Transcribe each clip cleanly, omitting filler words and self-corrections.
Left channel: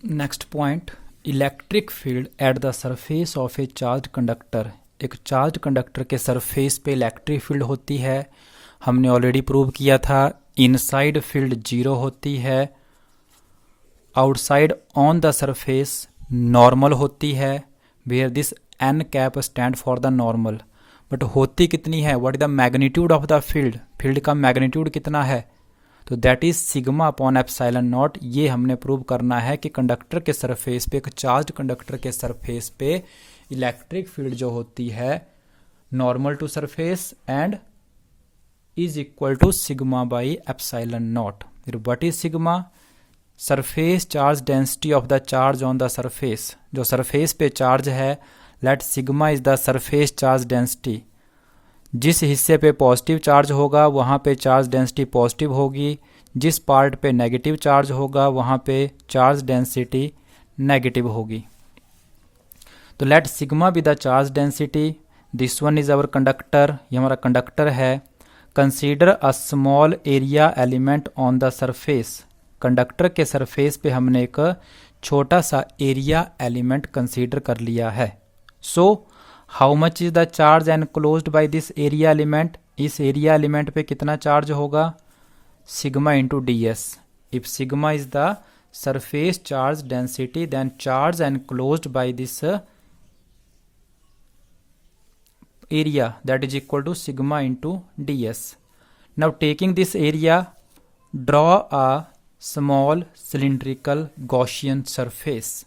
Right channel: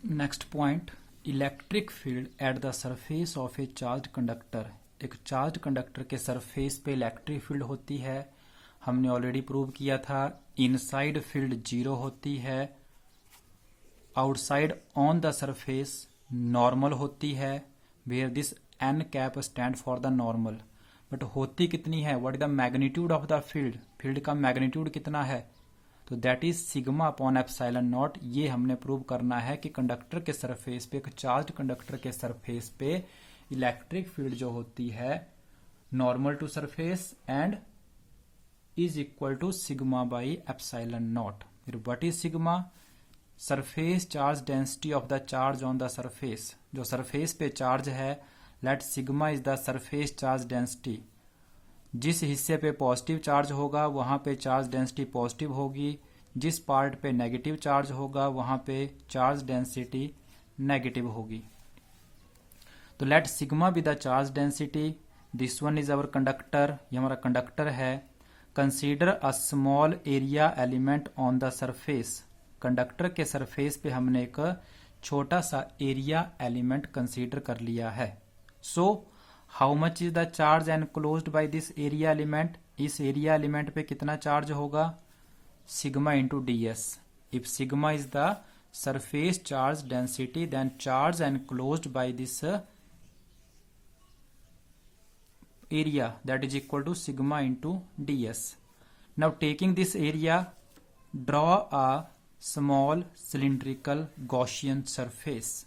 Next point, electric field at the surface of A charge conductor. एक charge conductor के surface पे electric field होती है, हमने ऑलरेडी प्रूव किया था। इनसाइड फील्ड जीरो होती है, outside on the surface normal होती है, where this N cap stand for the normal. But होती कितनी है, what is the magnitude of the field, field का मैग्नीट्यूड कितना है, तो that is sigma upon epsilon not. ये हमने प्रूव करना है कि कंडक्टर के सरफेस पे, एक चार्ज कंडक्टर के सरफेस पे इलेक्ट्रिक फील्ड जो होती है normal to surface and is equal to sigma by epsilon nought. फिर what is sigma, surface charge density of the charge on the surface. जो सरफेस पे चार्ज है, let sigma is the surface charge density. जिस हिस्से पे positive charge होगा वहाँ पे चार्ज डेंसिटी पॉजिटिव होगी, जिस पार्ट पे नेगेटिव चार्ज होगा वहाँ पे चार्ज डेंसिटी नेगेटिव होगी। तो let sigma be the charge density, this one is our conductor, ये हमारा कंडक्टर है। Consider a small area element on the surface. Conductor के सरफेस पे हमने एक छोटा सा एरिया एलिमेंट कंसीडर कर लिया है। सो how much is the charge enclosed by this area element, इस एरिया एलिमेंट पे कितना चार्ज होगा, sigma into D S. If sigma is the surface charge density than charge enclosed by this area that is equal to sigma into ds. Now taking this area, draw a small cylindrical Gaussian surface.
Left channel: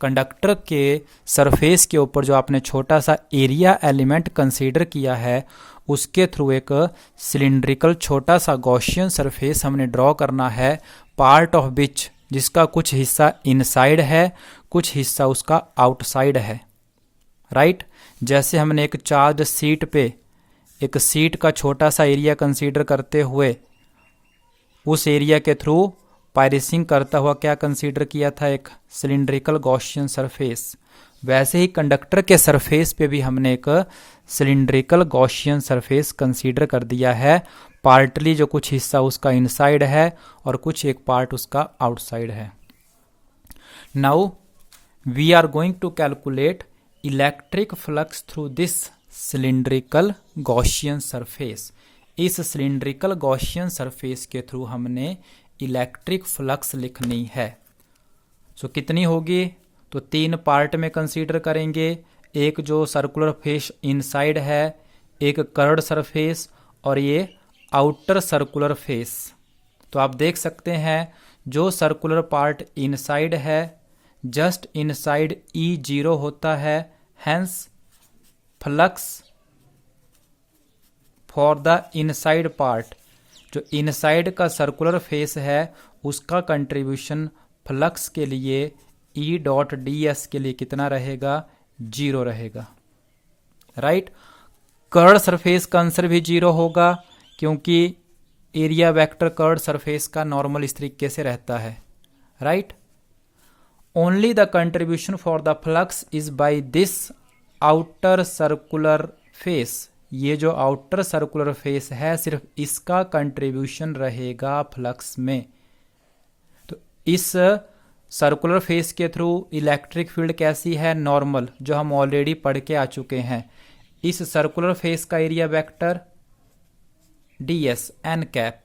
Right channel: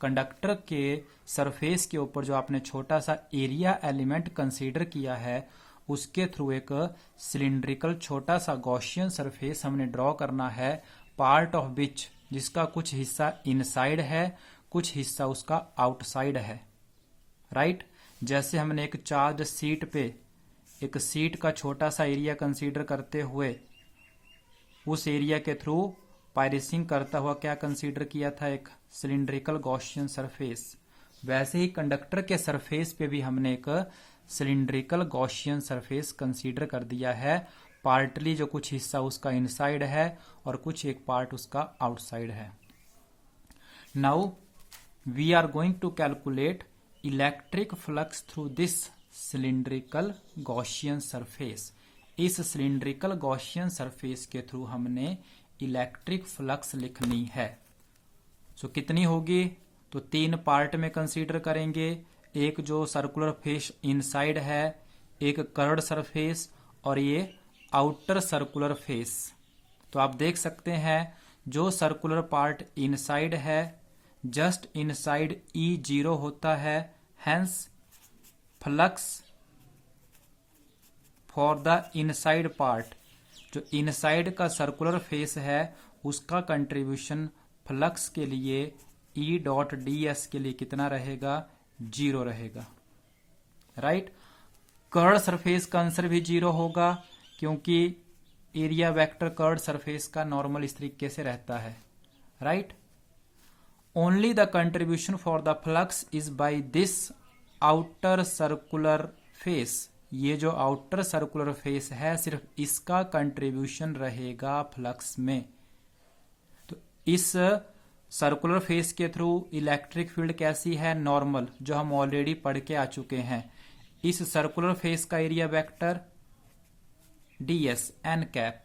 Conductor के surface के ऊपर जो आपने छोटा सा area element consider किया है उसके थ्रू एक सिलिंड्रिकल छोटा सा गॉसियन सरफेस हमने ड्रॉ करना है, पार्ट ऑफ विच, जिसका कुछ हिस्सा इनसाइड है कुछ हिस्सा उसका आउटसाइड है, राइट। जैसे हमने एक चार्ज सीट पे एक सीट का छोटा सा एरिया कंसीडर करते हुए उस एरिया के थ्रू पायरिसिंग करता हुआ क्या कंसीडर किया था, एक सिलिंड्रिकल गॉसियन सरफेस, वैसे ही कंडक्टर के सरफेस पे भी हमने एक सिलिंड्रिकल गॉसियन सरफेस कंसीडर कर दिया है। पार्टली जो कुछ हिस्सा उसका इनसाइड है और कुछ एक पार्ट उसका आउटसाइड है। Now we are going to calculate electric flux through this cylindrical Gaussian surface. इस सिलिंड्रिकल गॉसियन सरफेस के थ्रू हमने इलेक्ट्रिक फ्लक्स लिखनी है। सो कितनी होगी, तो तीन पार्ट में कंसीडर करेंगे, एक जो सर्कुलर फेस इनसाइड है, एक कर्व्ड सरफेस और ये आउटर सर्कुलर फेस। तो आप देख सकते हैं जो सर्कुलर पार्ट इनसाइड है जस्ट इनसाइड ई जीरो होता है, hence flux for the inside part, जो इनसाइड का सर्कुलर फेस है उसका कंट्रीब्यूशन फ्लक्स के लिए ई डॉट डी एस के लिए कितना रहेगा, जीरो रहेगा, राइट। कर्व्ड सरफेस का आंसर भी जीरो होगा क्योंकि एरिया वेक्टर कर्व्ड सरफेस का नॉर्मल इस तरीके से रहता है, right. Only the contribution for the flux is by this outer circular face. ये जो आउटर सर्कुलर फेस है सिर्फ इसका कंट्रीब्यूशन रहेगा फ्लक्स में। तो इस सर्कुलर फेस के थ्रू इलेक्ट्रिक फील्ड कैसी है, नॉर्मल, जो हम ऑलरेडी पढ़ के आ चुके हैं। इस सर्कुलर फेस का area vector D S N cap.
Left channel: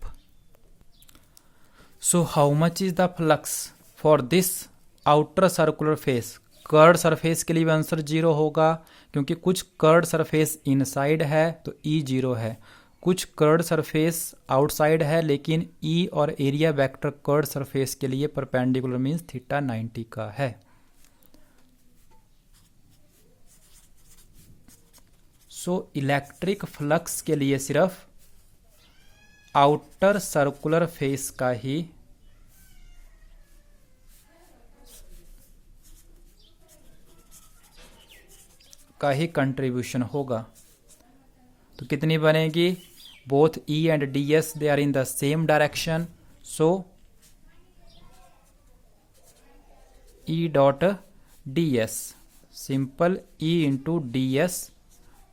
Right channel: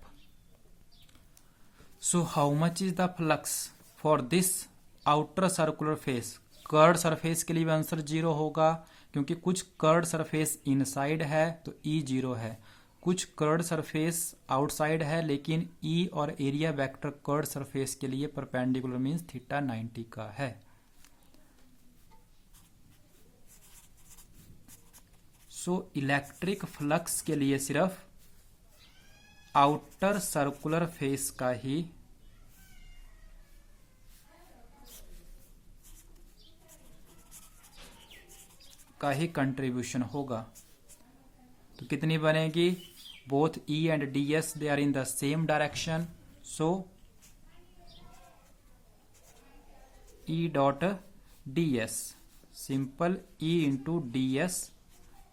So how much is the flux for this outer circular face. Curved surface के लिए भी आंसर जीरो होगा क्योंकि कुछ कर्व्ड सरफेस इनसाइड है तो ई जीरो है, कुछ कर्व्ड सरफेस आउटसाइड है लेकिन ई और एरिया वेक्टर कर्व्ड सरफेस के लिए परपेंडिकुलर मींस थीटा 90 का है। सो इलेक्ट्रिक फ्लक्स के लिए सिर्फ आउटर सर्कुलर फेस का ही कंट्रीब्यूशन होगा। तो कितनी बनेगी, both E and D S they are in the same direction, so E dot D S, simple E into D S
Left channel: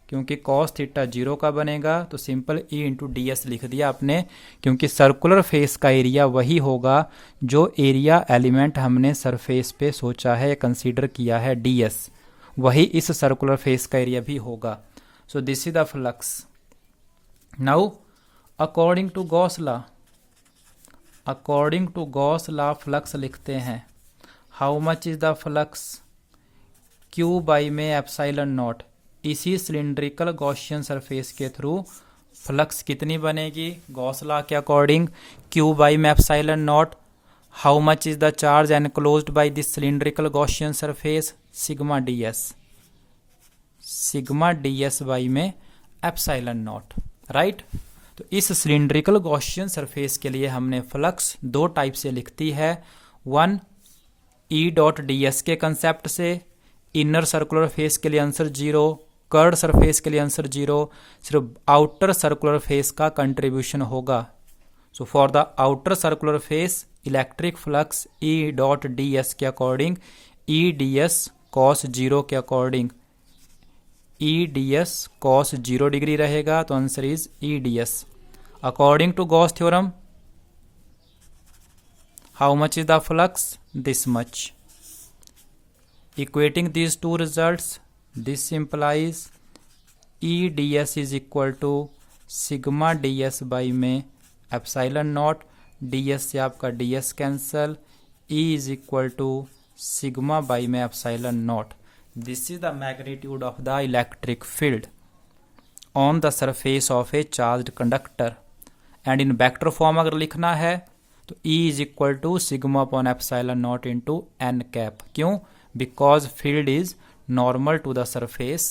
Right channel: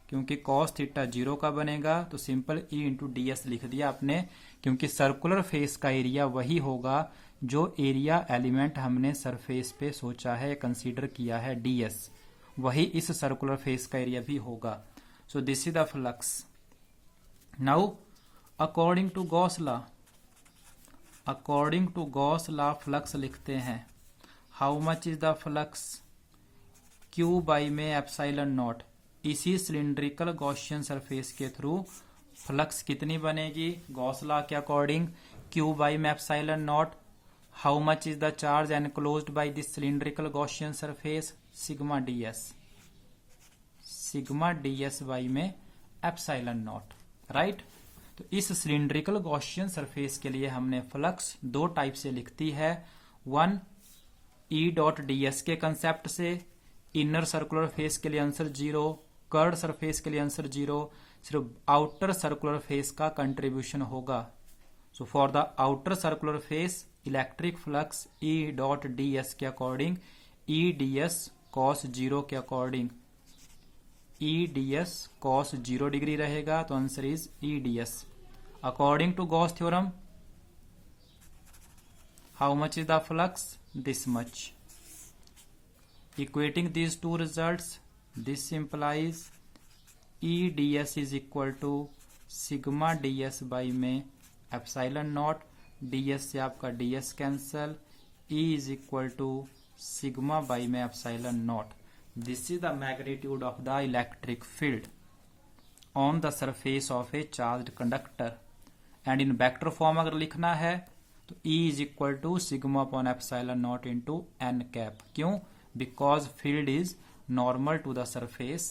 क्योंकि cos थीटा 0 का बनेगा तो simple E into D S लिख दिया आपने, क्योंकि सर्कुलर फेस का एरिया वही होगा जो एरिया एलिमेंट हमने सरफेस पे सोचा है, कंसीडर किया है ds, वही इस सर्कुलर फेस का एरिया भी होगा। So this is the flux. Now according to Gauss law, according to Gauss law flux लिखते हैं। How much is the flux? Q by में एप्सिलॉन नॉट। इसी सिलिंड्रिकल गॉसियन सरफेस के थ्रू फ्लक्स कितनी बनेगी गॉस लॉ के according? Q by में epsilon naught. How much is the charge enclosed by this cylindrical Gaussian surface? Sigma d s, sigma d s by में epsilon not, right. तो इस cylindrical Gaussian surface के लिए हमने flux दो type से लिखती है। वन ई डॉट डी एस के कंसेप्ट से, इनर सर्कुलर फेस के लिए आंसर 0, कर्ड सरफेस के लिए आंसर 0, सिर्फ आउटर सर्कुलर फेस का कंट्रीब्यूशन होगा। So for the outer circular face electric flux E dot D S के according E D S cos 0 के according E D S cos 0 degree रहेगा, तो answer is E D S. According to Gauss theorem how much is the flux? This much. Equating these two results, this implies E ds is equal to sigma ds by में epsilon naught, ds से आपका ds cancel, E is equal to sigma by में epsilon naught. This is the magnitude of the electric field on the surface of a charged conductor. And in vector form अगर लिखना है तो E is equal to sigma upon epsilon naught into n cap। क्यों? Because field is normal to the surface